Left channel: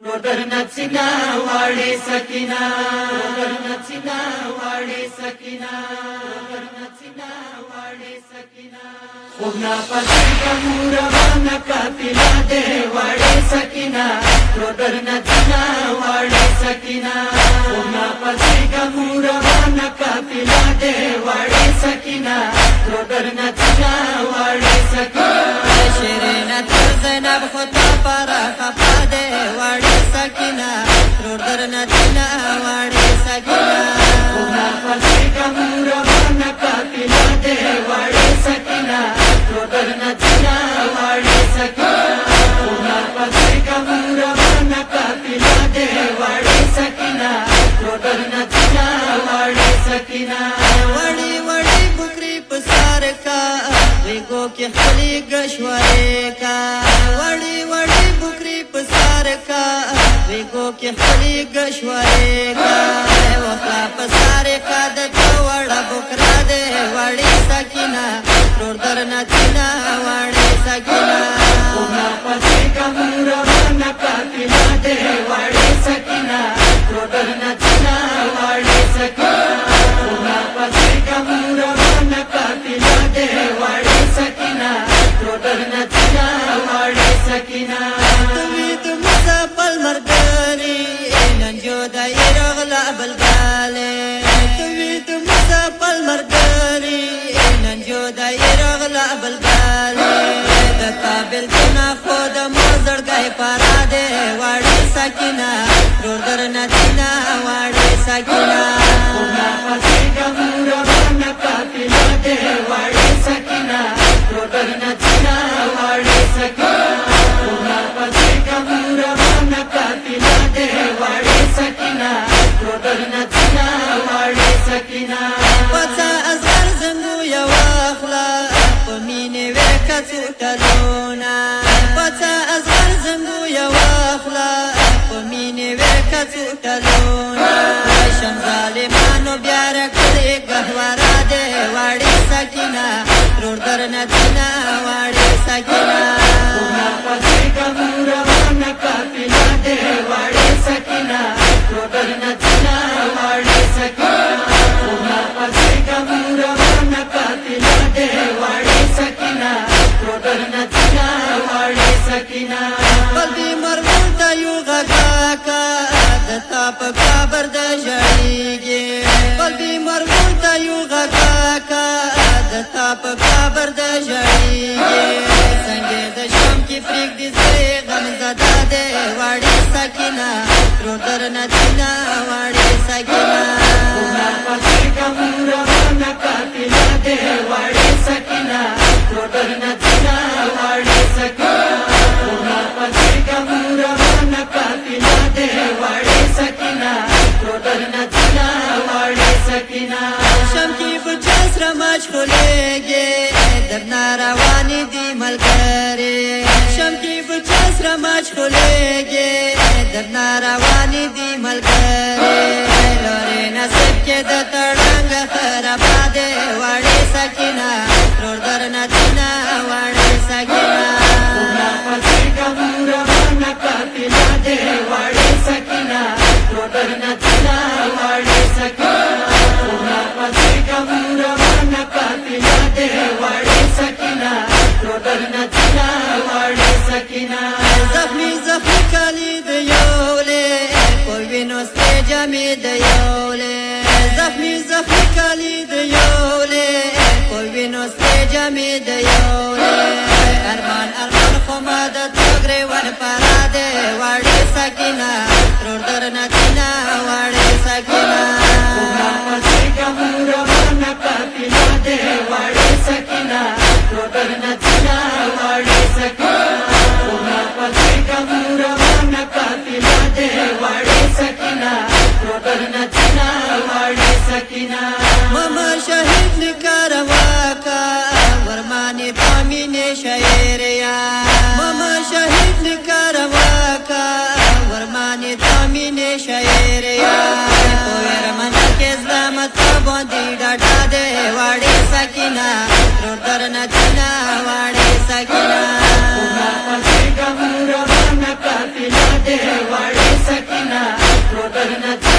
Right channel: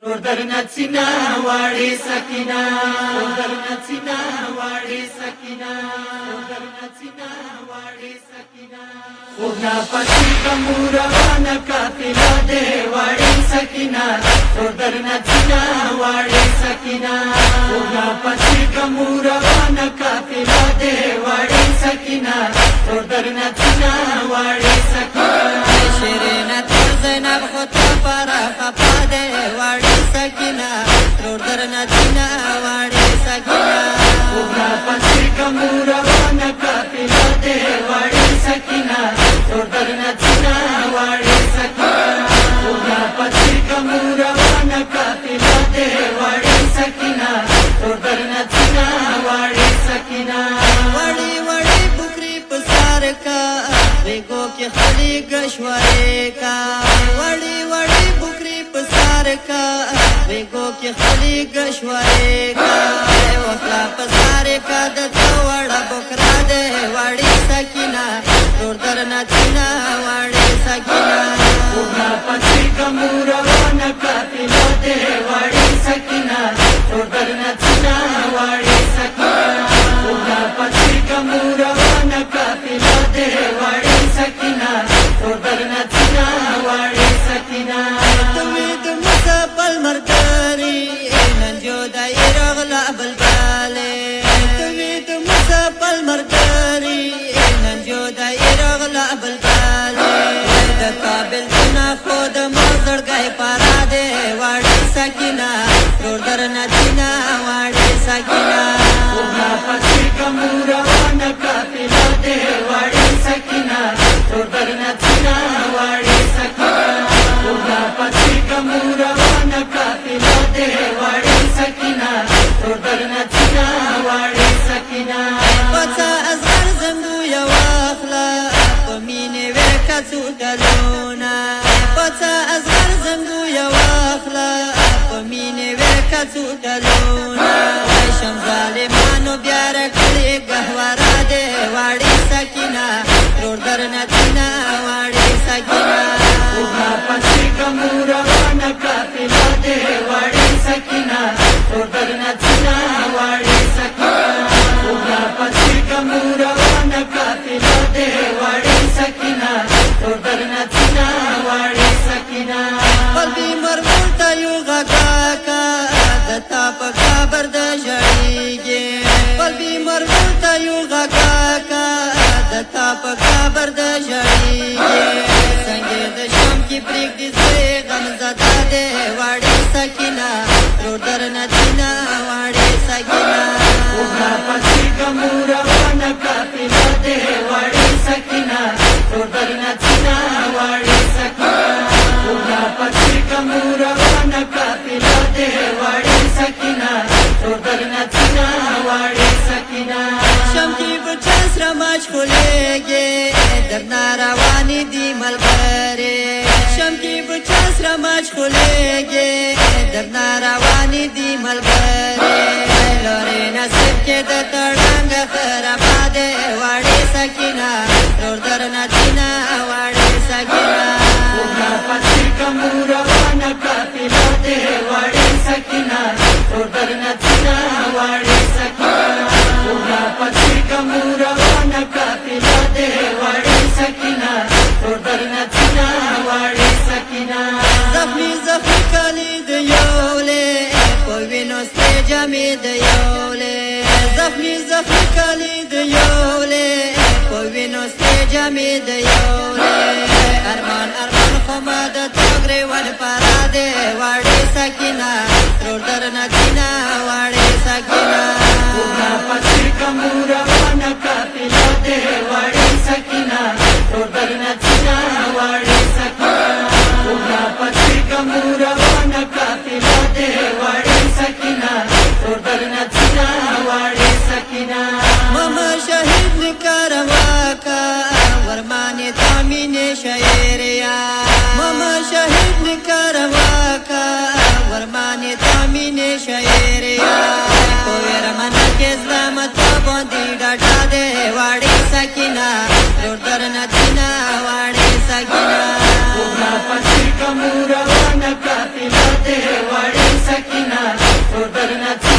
Rodernacina wale sakina, Rodernacina wale sakina, Rodernacina wale sakina. Uda pasika murawana kafila de wale sakina, Rodernacina wale sakina. Uda pasika murawana kafila de wale sakina, Rodernacina wale sakina. شیرینه تر زینب خطا پر خفا ده وړي سکینه ترور درنه تینا وړي سکینه اونا پسی کمورا وانا کافلا ده وړي سکینه ترور درنه تینا وړي سکینه اونا پسی کمورا وانا کافلا ده وړي سکینه ترور درنه تینا وړي سکینه وړي وړي بکری پسار کا ویګو کې خپلې گشوارې کا وړي وړي بکری پسار کا ویګو کې خپلې گشوارې کا وخلا پسار کا د وړه بکرا ده وړي سکینه ترور درنه تینا وړي سکینه اونا پسی کمورا وانا کافلا ده وړي سکینه ترور درنه تینا وړي سکینه اونا پسی کمورا وانا کافلا ده وړي سکینه ترور درنه تینا وړي سکینه توی د موسی پل مرګري نن جو دای رغلا بلباله توی د موسی پل مرګري نن جو دای رغلا بلباله د قابل تنا خود موزړګای پارا دے واړی سکینه ترور درنه تینا واړی سکینه اونا پسی کمورا وانا کافلا ده وړي سکینه ترور درنه تینا وړي سکینه اونا پسی کمورا وانا کافلا ده وړي سکینه ترور درنه تینا وړي سکینه پڅا ازغر زنګو یو اخلا پمینه ورکا څوټلونا پڅا ازغر زنګو یو اخلا پمینه ورکا څوټلونا شم ظالمانو بیا رکړې غهوارا دے واړی سکینه ترور درنه تینا واړی سکینه اونا پسی کمورا وانا کافلا ده وړي سکینه ترور درنه تینا وړي سکینه اونا پسی کمورا وانا کافلا ده وړي سکینه ترور درنه تینا وړي سکینه قلبی مرمون تا یو غگا کا دتا پا کابر دا جڑیگی قلبی مرمون تا یو غگا کا دتا پا کابر دا جڑیگی سنگی دا شام کی پریک دی زوی غم زدا دے واڑی سکینہ ترور درنه تینا واڑی سکینہ اونا پسی کمورا وانا کافلا ده وړي سکینه ترور درنه تینا وړي سکینه اونا پسی کمورا وانا کافلا ده وړي سکینه ترور درنه تینا وړي سکینه شم کی بچا سره مشغولېږي درنا روانې دي ملګرې شم کی بچا سره مشغولېږي درنا روانې دي ملګرې لورې نصیب کې د تړنګ خرابه دې وړې سکینه ترور درنه تینا وړې سکینه اونا پسی کمورا وانا کافلا ده وړي سکینه ترور درنه تینا وړي سکینه اونا پسی کمورا وانا کافلا ده وړي سکینه ترور درنه تینا وړي سکینه زخمی زخمی کالی د یولې په وینو سره جامې د یولې زخمی زخمی کالی د یولې په وینو سره جامې د یولې ارمان ارمان خو ما د توګرې ور پارا دے واړې سکینه ترور درنه تینا واړې سکینه اونا پسی کمورا وانا کافلا ده وړي سکینه ترور درنه تینا وړي سکینه اونا پسی کمورا وانا کافلا ده وړي سکینه ترور درنه تینا وړي سکینه ماما شهید نکاروا کا ورمانی تامین شعریا ماما شهید نکاروا کا ورمانی تامین شعریا پویر منا کې ظلمت باندې ډاډا دے واړی سکینه ترور درنه تینا واړی سکینه اونا پسی کمورا وانا کافلا ده وړي درنه